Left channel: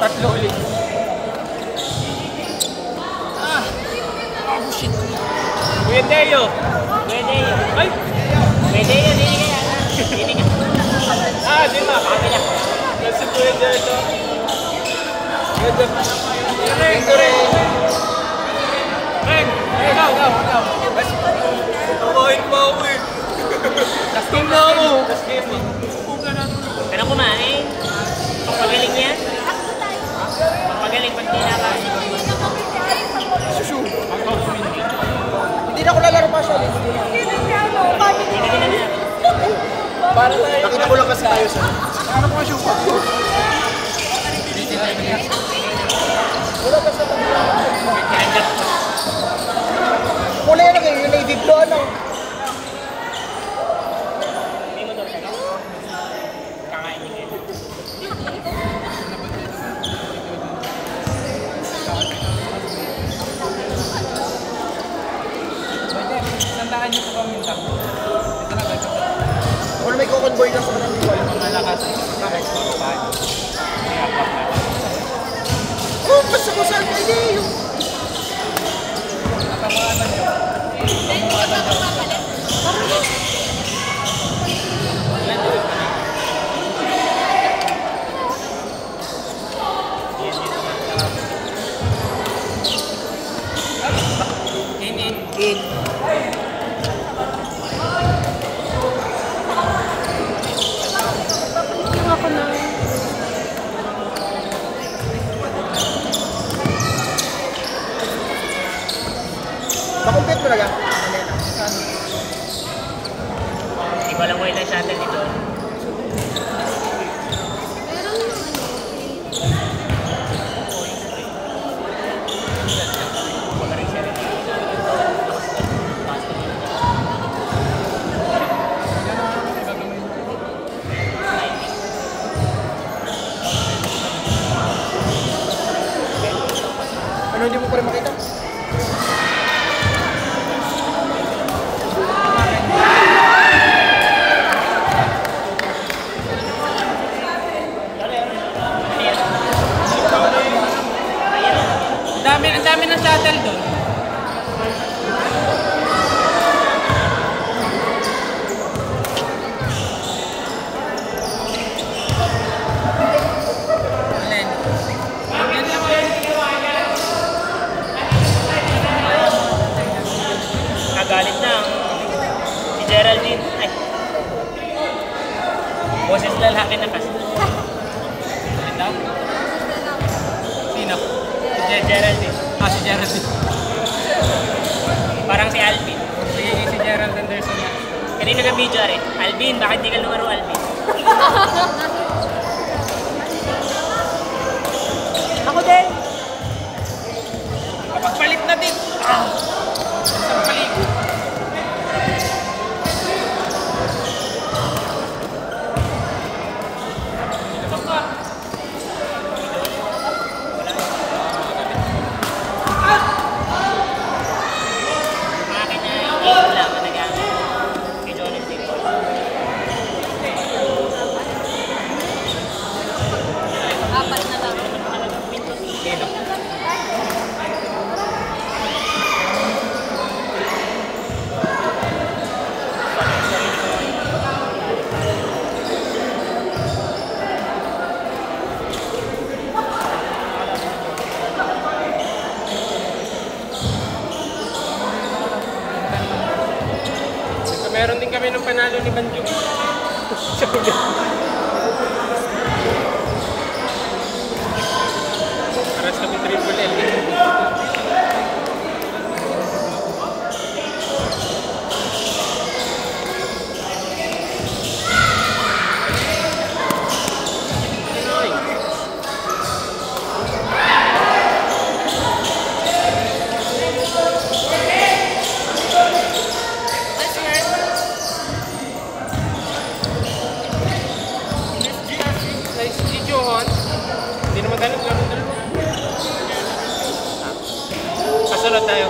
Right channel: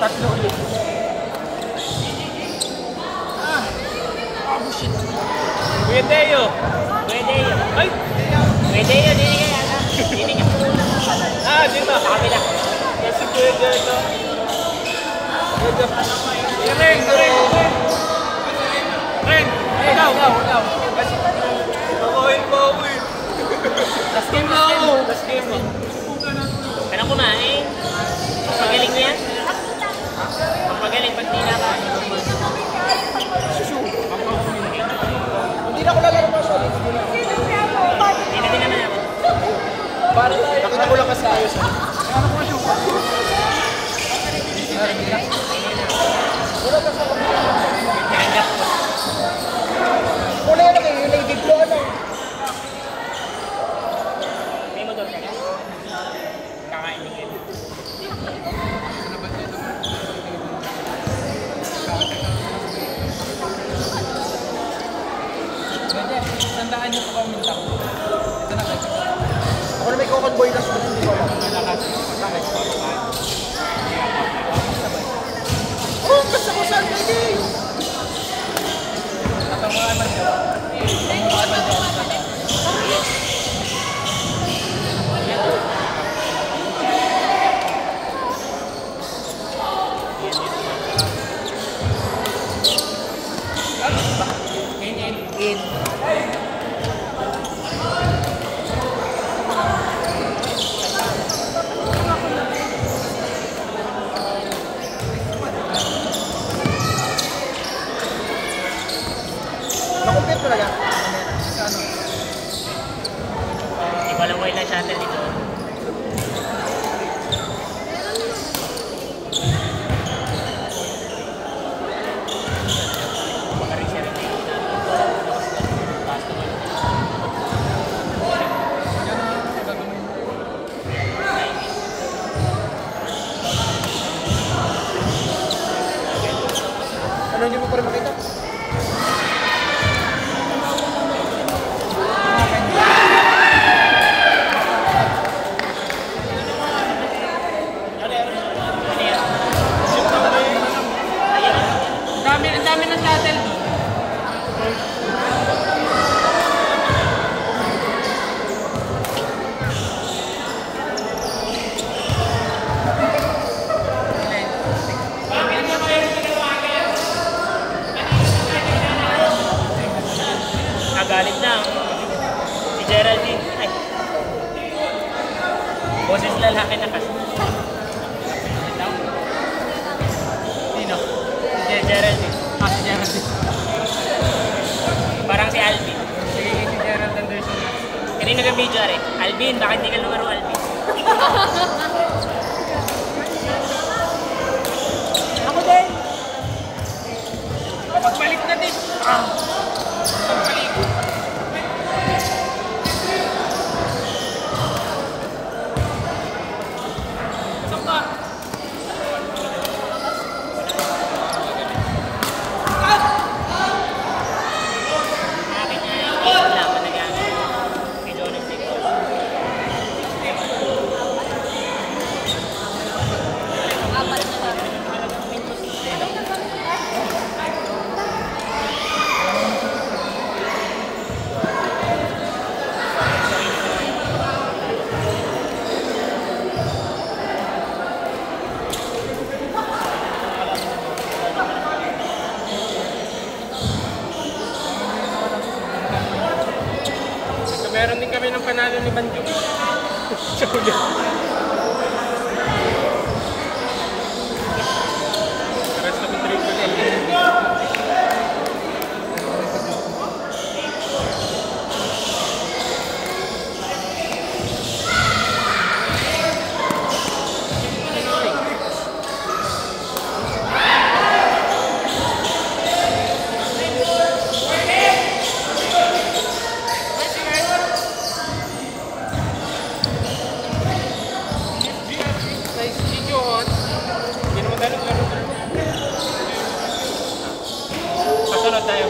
Tatlo ulit. Pwede yun. Pwede yun. Ay! Pwede yun, hindi ka yan. Hindi ka. Di ba? Kami na. Kasi pwede ito. Pwede. Ikaw. Nakain pa ako eh. Kastim na ako. Kastim mo. Kanang kumain. Pagpagaling yan. Pagpagaling pag di nakain. Hindi na ko lalaro pa siya. Hindi na din naman ako. Para tayo. Nakita ko lang kasi ayos. Ano ko siya pa? Nagandap ko. Wala yan kayo. Yung native ko ano. May motor ka ka? Kakain din kayo. Sandaan niyo po kami yung ako na may kukonboy na sa mga buwan. Oh, kasukusan na hindi! Natamaan na niyo. Natamaan na niyo. In. Nakumpit ko na lang. Hindi ko alam mo ilang shuttle dito. Baka rin siya rin yung ginagawa ito. Lakas na. Taas naman ang ano hindi mo pa rin makita? Ang dami ng shuttle doon. Nagalit na si Geraldine. Ay. Boses lalaki na kasi. Sino? Si Geraldine. Si Geraldine. Parang si Alvin. Sige, si Gerald Anderson. Kanina ka video rin. Alvin, bakit di ka lumaro, Alvin? Ako din! Kapagpalit na din. Kapagpalit. Meron din kami ng panalo ni Banjo. Sa pulo. Paras kami triple L. tayo.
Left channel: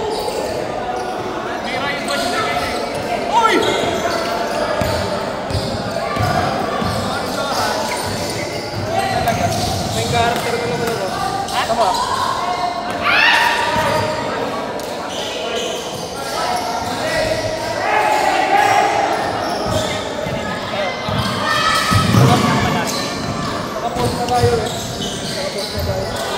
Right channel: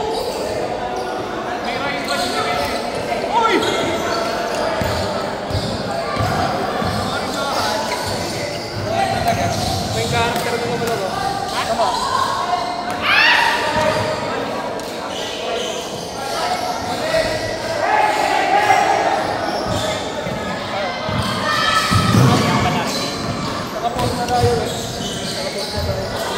May character na naman ako. Tama. Nakapost na tayo eh. Nakapost na tayo.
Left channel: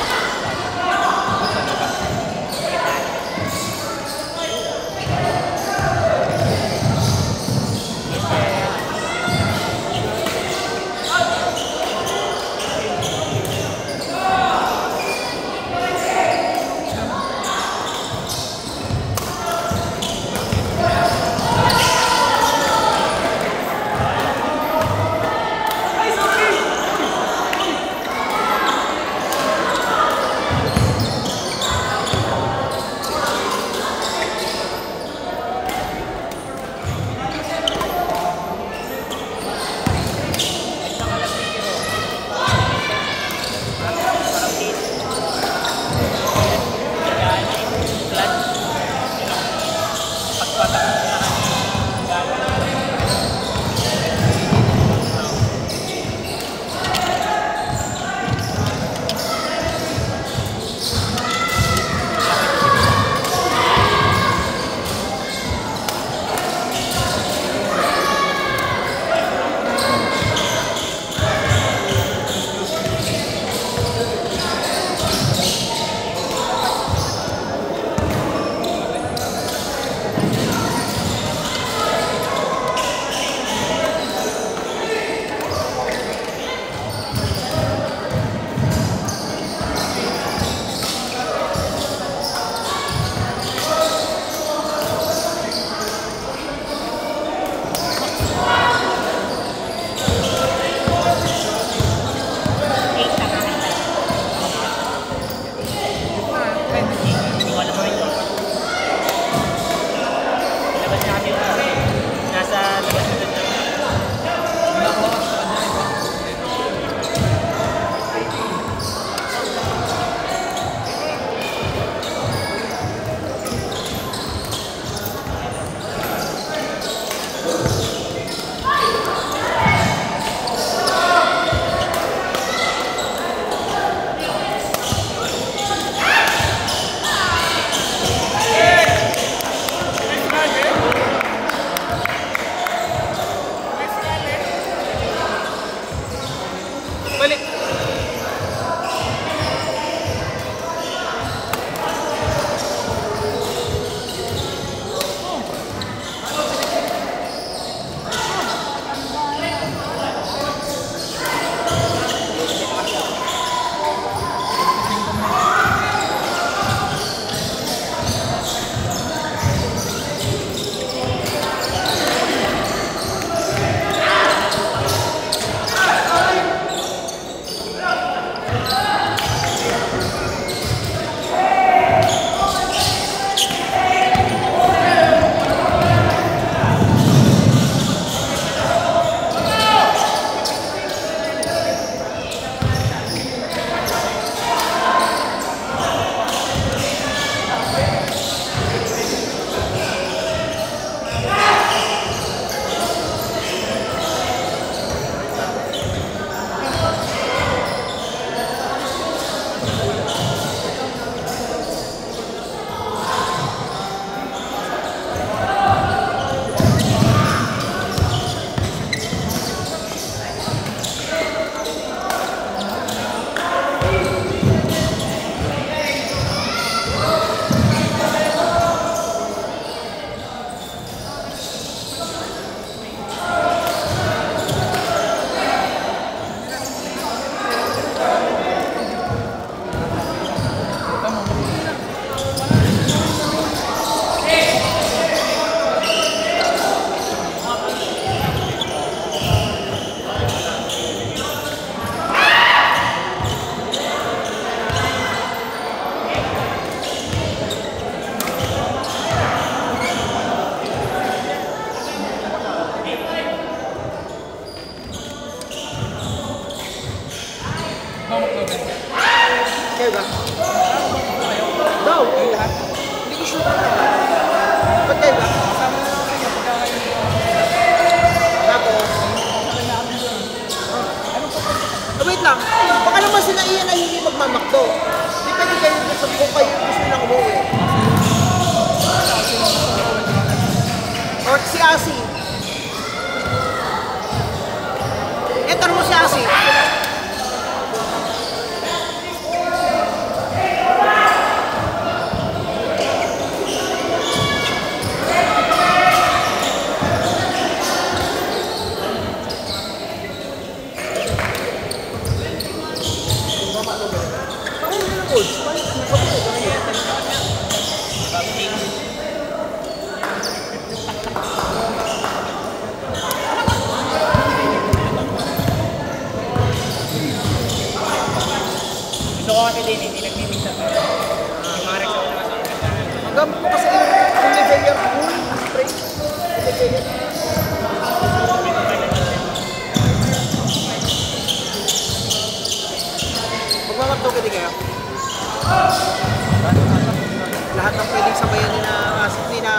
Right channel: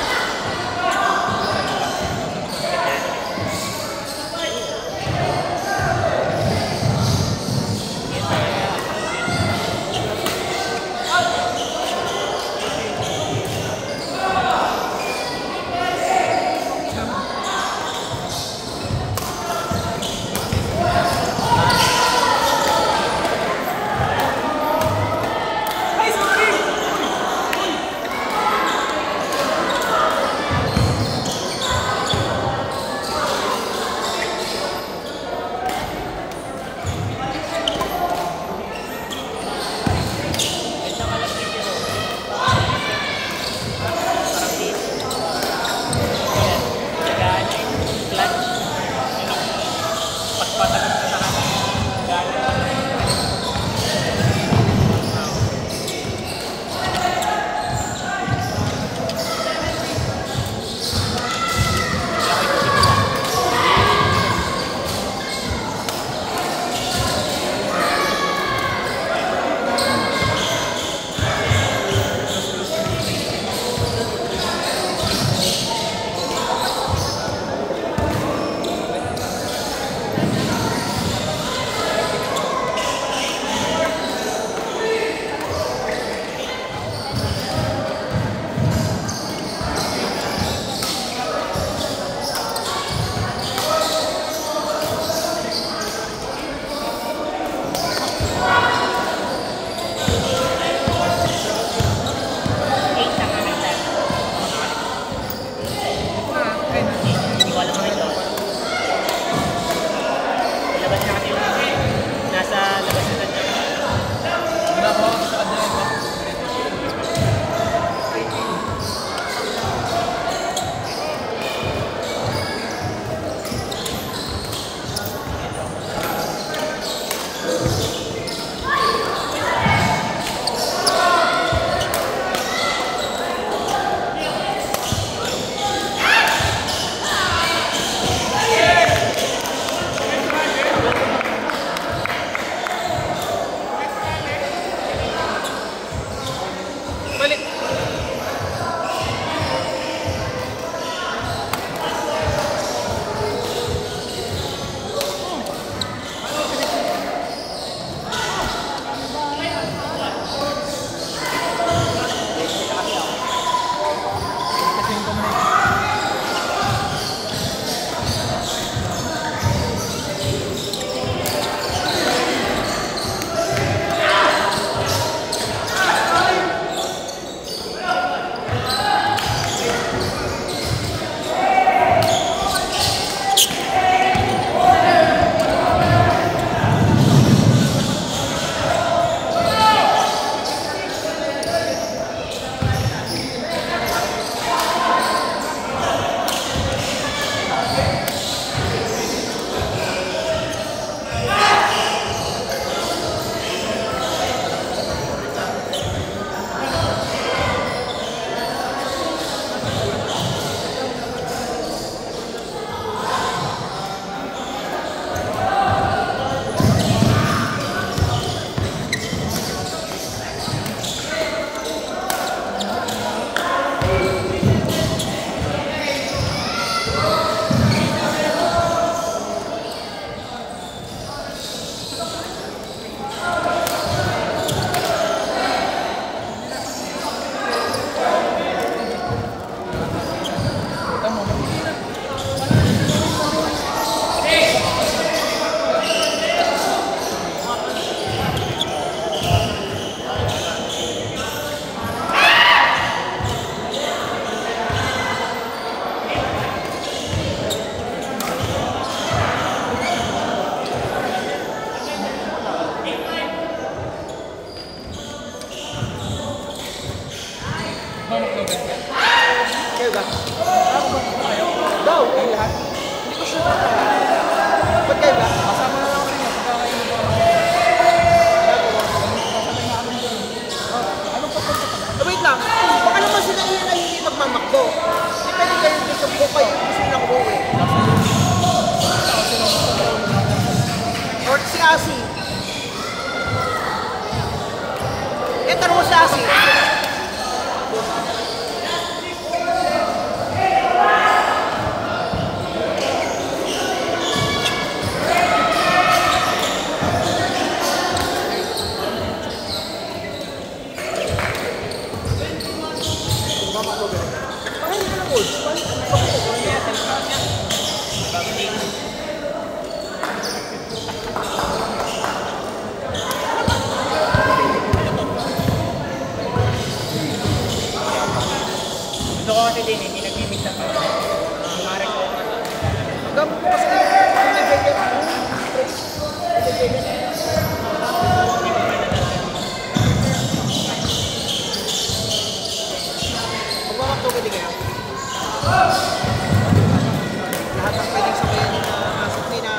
shoot ka. Ba't kayo ba? Kasama na lang ako niya pagkakain mo. Tapos, Anong papunta pa? wait lang. Baka naman sila iyan ay hindi magmamakdo. Hindi pwede kayo gusto ko kayo gusto lang umuwi. O si Asi. Tanong mo si Asi. Babalik. Gusto ko kasi din, hindi nag-mimix ako. Yung mga Rexona na kasi Hanggang kasi kung may vendor mo, spray. May vendor. hindi ko pa nalaman. Magmamakdo ka din kaya? Lahat ng pwedeng sabihin na sakti na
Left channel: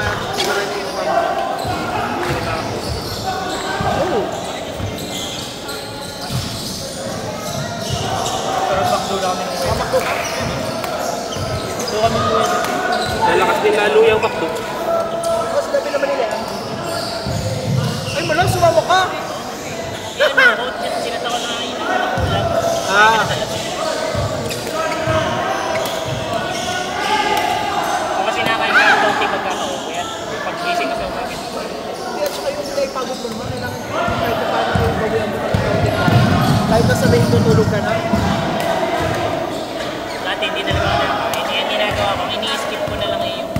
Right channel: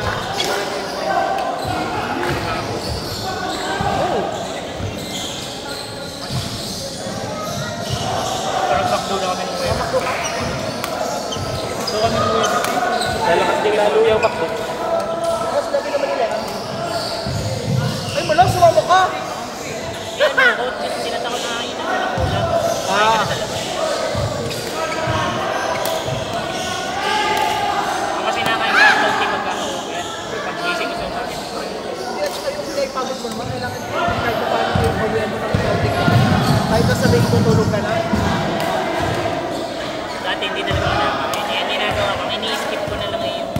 oh. Pero backdoor na kami ng weda. Doon kami ng weda. Lalakas din lalo yung backdoor. Mas dati naman nila. Ay, malang sumama ka. Eh ano, coach, sinata ko na inang walang ulam. Kumain ka na sa labas. Ako kasi nakain ka ng konti pagkaka-uwi. Pag gising ko sa umaga. Hindi, at saka yung nila ipagod mo naman. Kailangan kahit pa paano yung bawian mo ng counting ka. Kahit na sabihin tutulog ka na. Dati hindi talaga ako nakakain. Yan ginagawa ko. Ini-skip ko na lang yung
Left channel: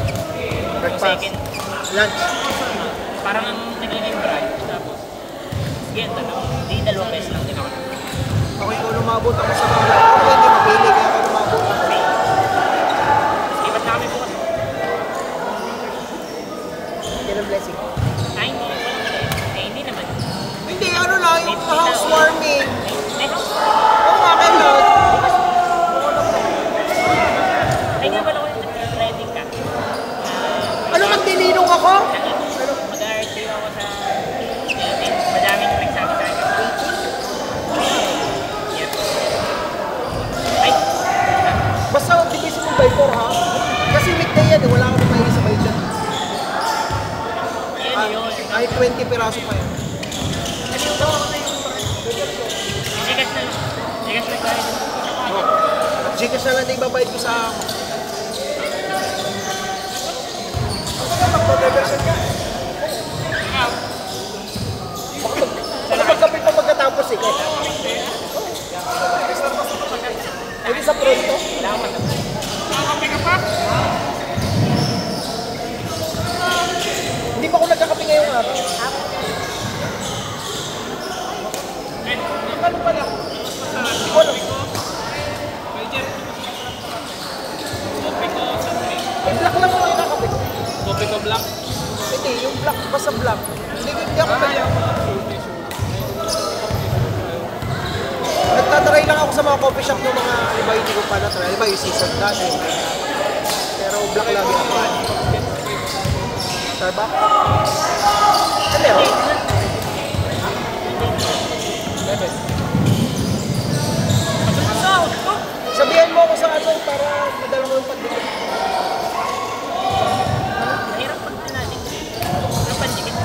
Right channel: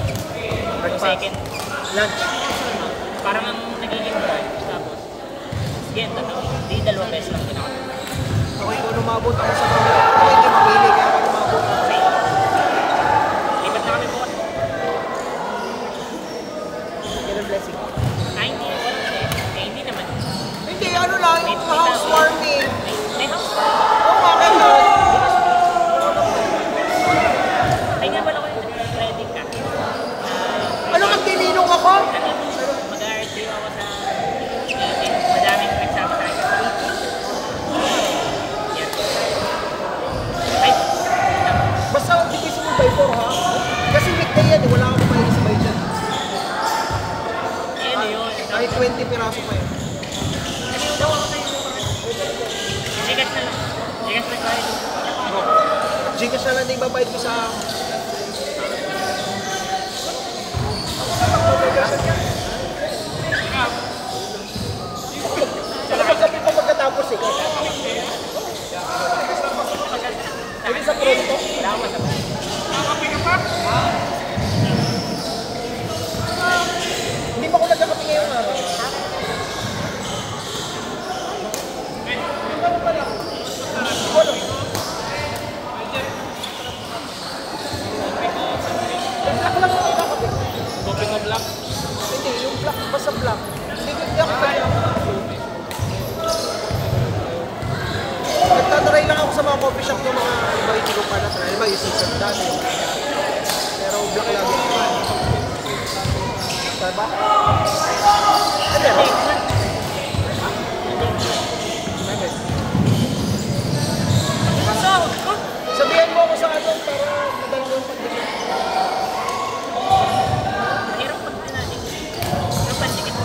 second. Lunch. Parang ang nagiging brunch. Tapos, sige, di dalawang beses lang din ako nakain. Okay, kung lumabot ako sa mga ako hindi mapili kaya ako lumabot. Kasi, lipat na kami bukas. Ganun blessing. Ay, hindi. Walang din. Eh, hindi naman. Hindi, ano lang, May housewarming. May housewarming. Oo, akin yun. Bukas din. Ay nga pala ko yung ready ka. Ano ang tininong ako? Mag-RTO ako sa 18. Madaming nagsama sa akin sa 18. Year. Ay, Basta tipisin mo by 4 ha? Kasi weekday yan, wala ka naman sa by 2. ayun yun. Kahit 20 piraso pa yun. Kasi yung dawa ko sa yung parang. Gcash na lang. Gcash na kaya din. Gcash na lang na ibabayad ko sa... Kapag ka magkatapos eh. Hindi sa pronto. Wala akong masama. Hindi pa ako nagkakape ngayon araw. Ay, black lang ako nagkakape. Kopi ka black. Hindi, yung black ba sa black? Hindi ako kaya. Nagtatry lang ako sa mga coffee shop ng mga iba hindi ko pa na-try. Iba yung season dati. Pero black lang yan. Starbucks? Ano yan? Sabi na sahod ko. Sabihan mo ako sa kapon para madala mo yung pagbili. Mahirap pag tinadik. Ano pandikit?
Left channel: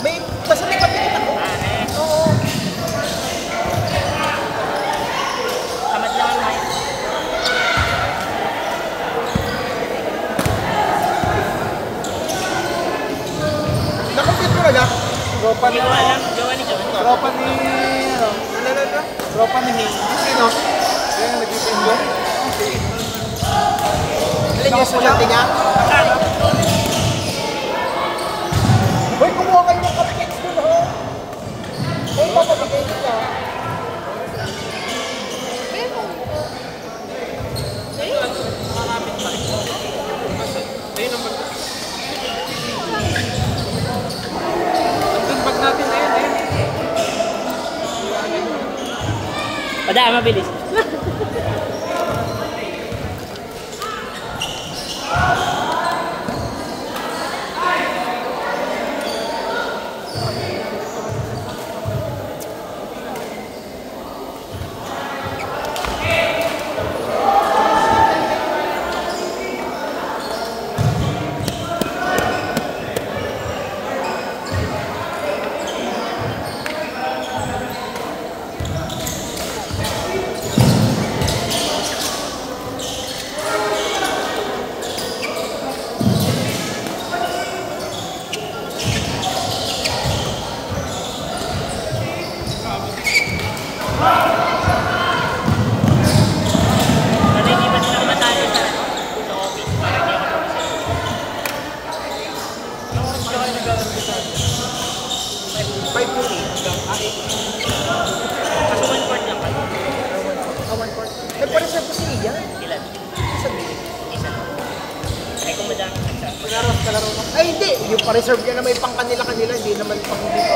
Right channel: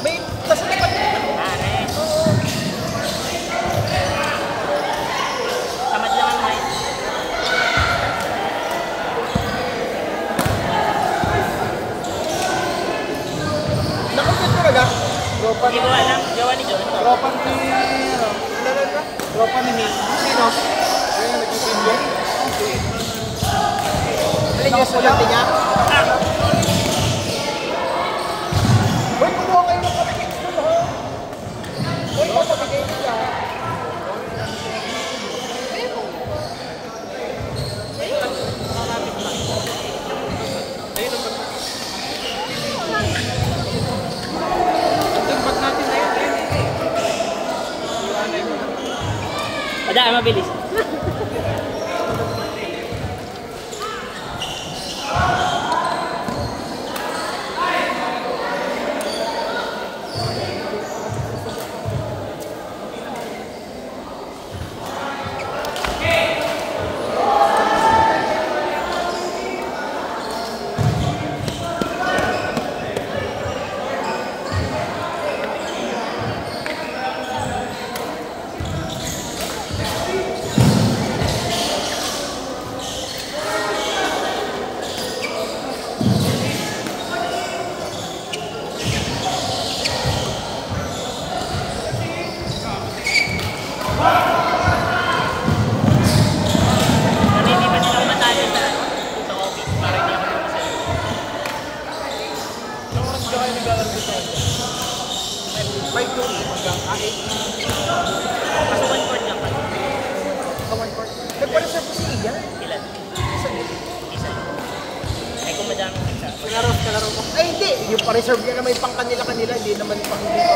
May, kasi may kapitin ako. Pare. Oo. Tamad lang ang mahirap. Nakumpit ko na lang. Tropa Hindi ko alam. Gawa ni John. Tropa ni... ano? Ano ba? Tropa ni Nate. Sino? Yung nag-itin dyan. Alin yung sulante niya? Hoy, kumuha kayo ng kapit ko na ha. Hoy, papabigay nila. Ang bag natin ngayon eh. Padaan, mabilis. Kaso one court lang kayo. Kawan ko. Ba't pala siya si Ian? Ilan? Isa lang. Ay kung madaming nagsa. Kalaro ka. Ay, hindi. Yung pa-reserve niya na may pang kanila-kanila. Hindi naman pang dito.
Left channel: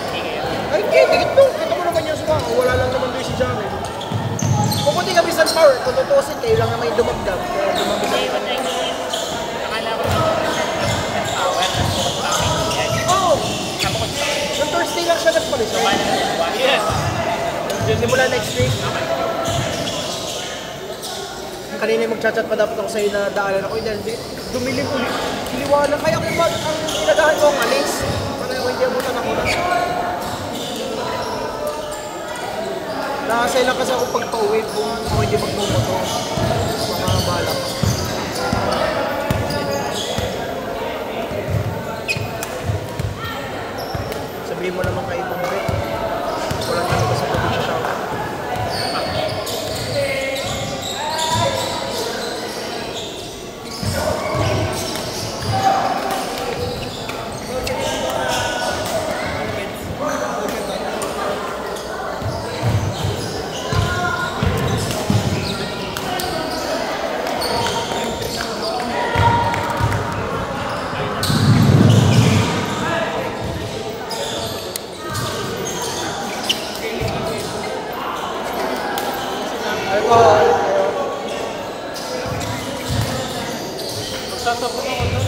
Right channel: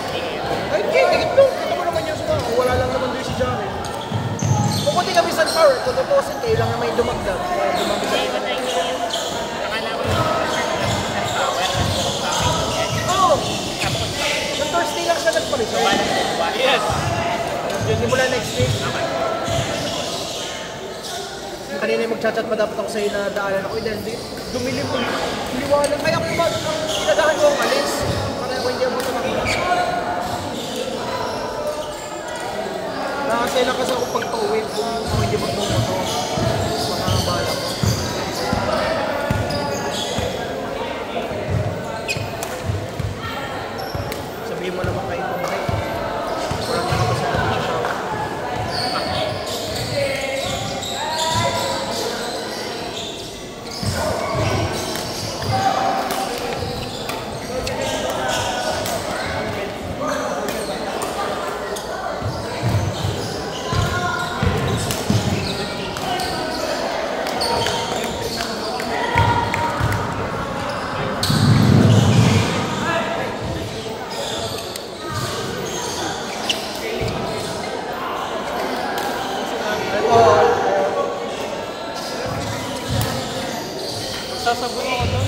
Hindi kayo. Ay, hindi. Ito. Ito mo naman yung sumama. Wala lang naman din si Jaro. Kung hindi kami sa power, kung tutusin, tayo lang naman yung dumagdag. Kasi what I know is, akala ko yung percent ng power at bukod pa kay Ian. Oo. Bukod pa kay. Yung Thursday lang siya So nagpa-reserve. balang dalawa. Yes. Hindi mo lang next week. Okay. Kanina magchat-chat pa dapat ako sa'yo na daanan ako. Hindi, dumilim mo. Liwanag. Kaya kung ang pinagahan ko ang alis. Parang hindi mo na nakita. Nakasay lang kasi ako pagpa-uwi kung ako hindi magmumoto. Makakabala. Sabihin mo naman kayo pang break. Parang hindi ko sa pati siya. Sasabog ako doon.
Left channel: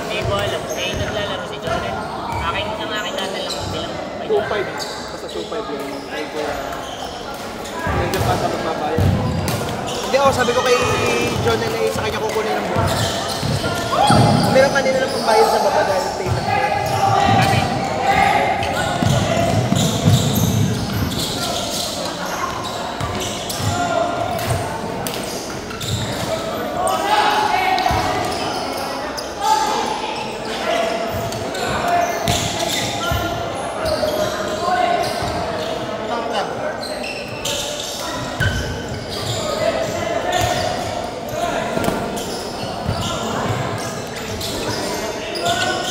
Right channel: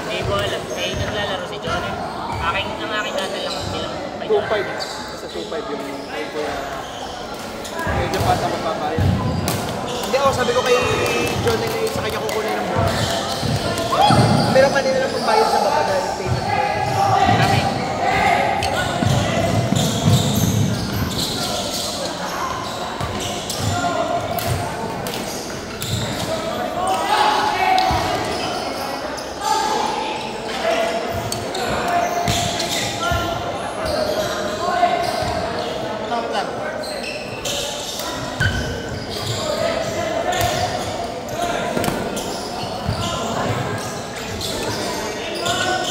Hindi ko alam. Eh, naglalaro si Jonen. Ang aking data lang bilang 2.5. Basta 2.5 yung kaya medyo pata magbabayad. Hindi ako, sabi ko kay John and sa kanya kukunin yung book. Meron kanina lang yung bayad sa baka dahil payment ko. Kami.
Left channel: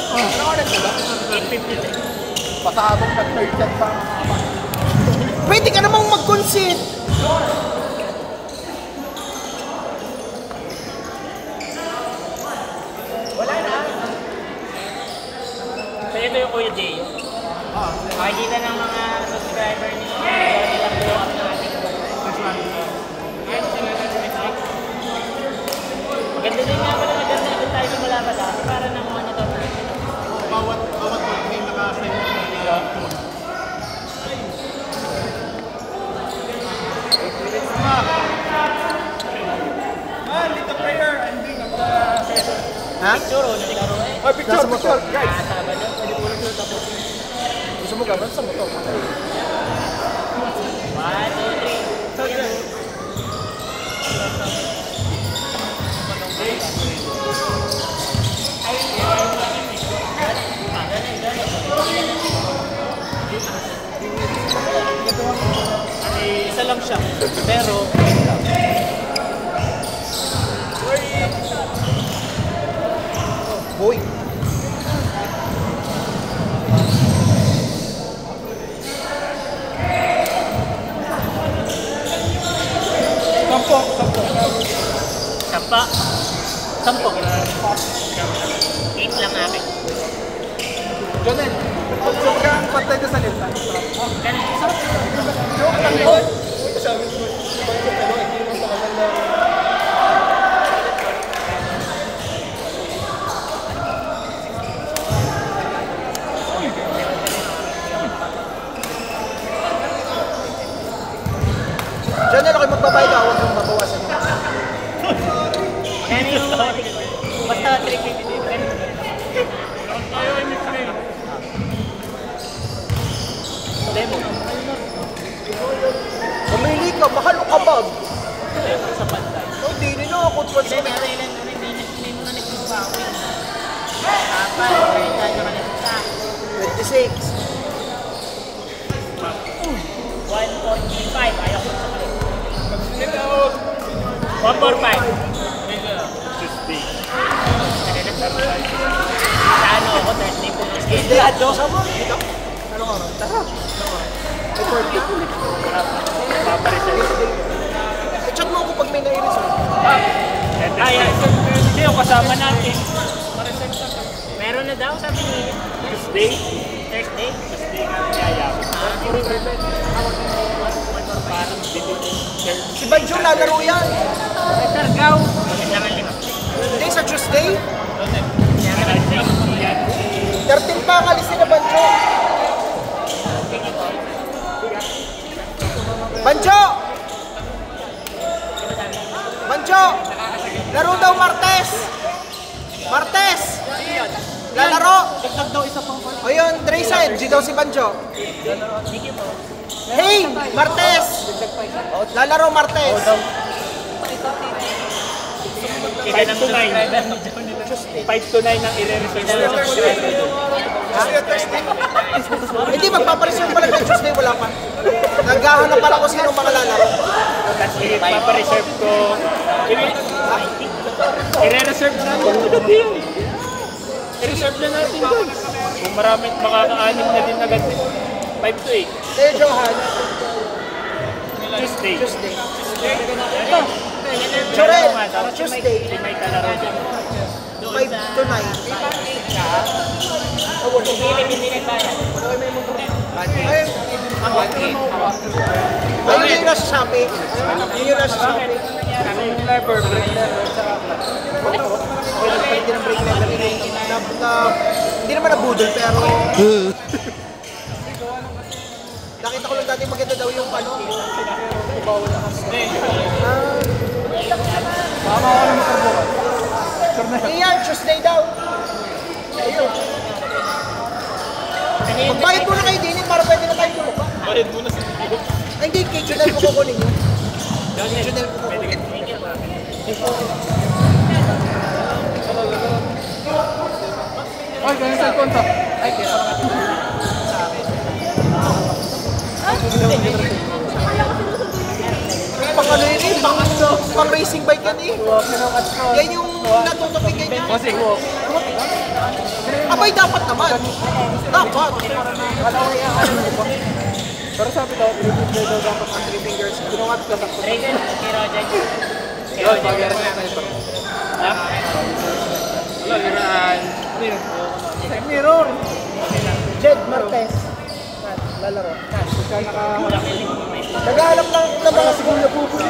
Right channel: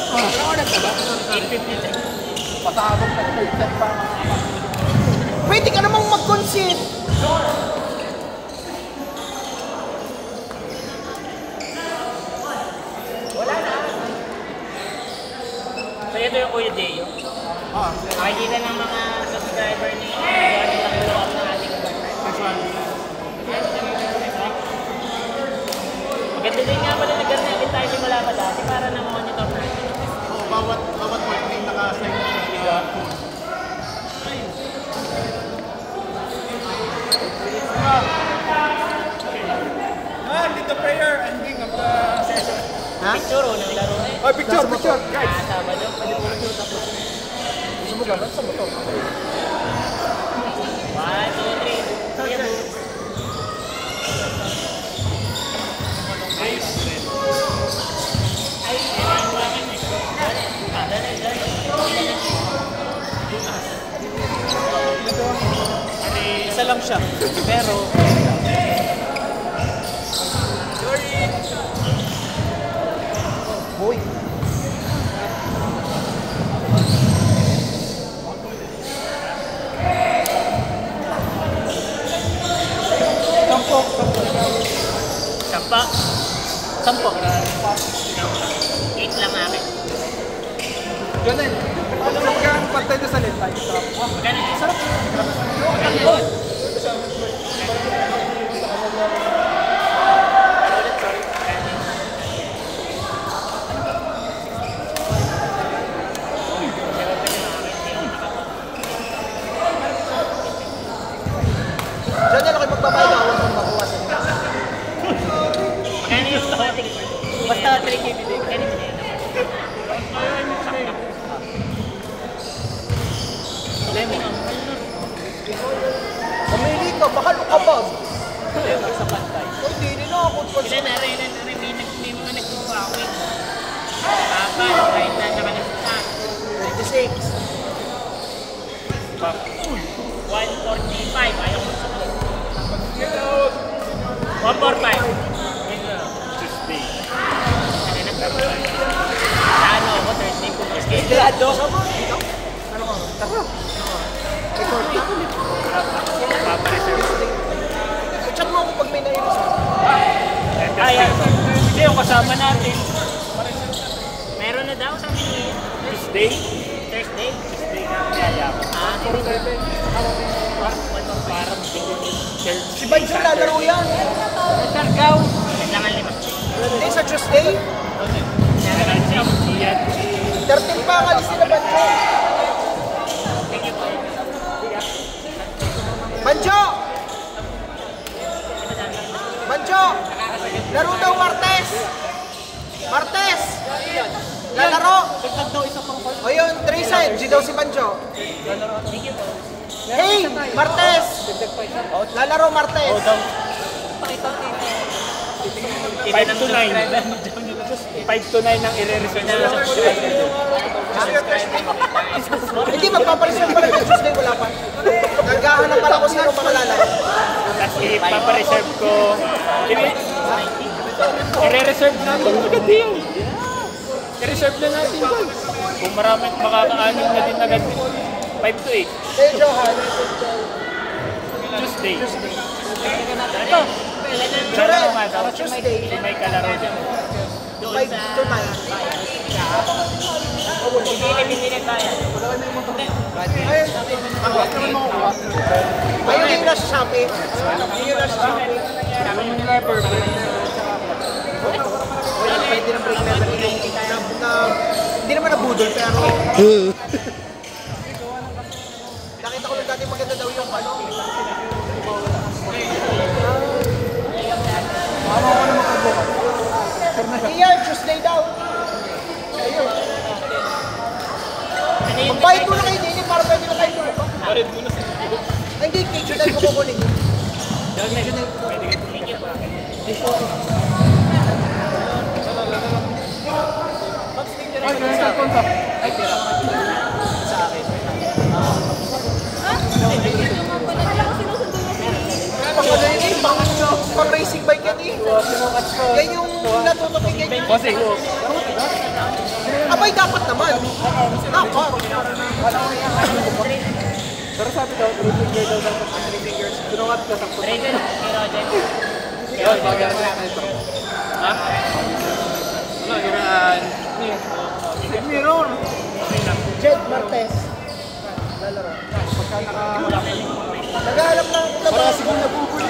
Ano oras ka ba? 8:53. Pasabog pa sa ikat pa. Pwede ka namang mag-concede! Wala na. So ito yung Kuya Deo. Nakikita ng mga subscriber ni Johnny lang blow up ng ating maganda din nga pala nag-garnet tayo simula pa dati para na-monitor natin. Bawat week may naka-assign na bigla. Ha? Picture o ng laro eh. Ay, picture, picture! Ah, Sabado. Gusto mo gano'n sa motor? 1, 2, 3. Ay, Isa lang siya. Pero Boy! sampo. Sampa. Sampo. 8 lang akin. Ganun. So kung pantay doon sa lenta, yung trap. Ganun yung sarap. Oh! John, ano kayo magbabayad ako kung babawasan niyo? Magkano yung ating basta 350. Magkano yung Demo. win. Kapan, kahit na nakalisap. 26. 145, ayaw ko sa kalit. 145. Sa ano ako, Thursday po ng schedule. Ano ka? Tara. Papareserve. Chat mo ako pag may nai-reserve. Ayan. Hindi, yung kasama natin. Meron na daw, sabi niya. Tuesday. Thursday? Tuesday na kaya. Ah? 145. Si Banjo lalaro yan. Sargaw. Yan lang ang 5. Hindi, sa Tuesday. 13 13 pa kalis nila Banjo. Thank you po. Banjo! Di ba dami? Banjo! Laro daw Martes! Martes! Lalaro! O yun, Tracen, G daw si Banjo. Thank you po. Hey! Martes! Lalaro Martes! Kita ng subscriber ni John nila. 5 to 9 ang i-release. Kita ng subscriber. Subscriber mo kita. Hindi, magpapareserve pala ng Tuesday, wala pa. Naghahanap pala kung sino mga lalaro. Papareserve ko. I-reserve natin agad yan. I-reserve na natin doon. Kung marami makakaanin na din agad. 5 to 8. Hey, Johan. Tuesday. Ito. Laro nga daw. Tuesday. May kalaro. Doon 5 sa... to 9. Hindi nila tayo. Ako, Ayun yung nasa Shopee. Ayun yung nasa Shopee. Kami mo nila perfect level tsaka Pwede ng break level. Hindi naman nabudol, pero... Nakita ko lang dati maganda daw yung ano. Mama ako na magkabukan. Sure na siya. Iyan, Tuesday daw. Ayun. Magbayad mo na kayo din para pwede na kayo tulog. Bayad mo na sa Hindi, kikilay ko kukunin nyo. Thank you po. Ay, ganyan sa kontak. Ay, Pang ano yun eh, pang racing bike yan eh. Yan yung natutukin ganyan. kasi Abay, dapat naman. Dapat. pero sabi daw, 3 fingers daw dapat ang 3 fingers. Ginawat ka sakto. Raven, kay Roger. Kay Roger, ganun lang. Ha? Wala, ganaan. Mirror. Jed Martes. Lalaro. Pagka naka... Naghahanap lang na siguro nabubuli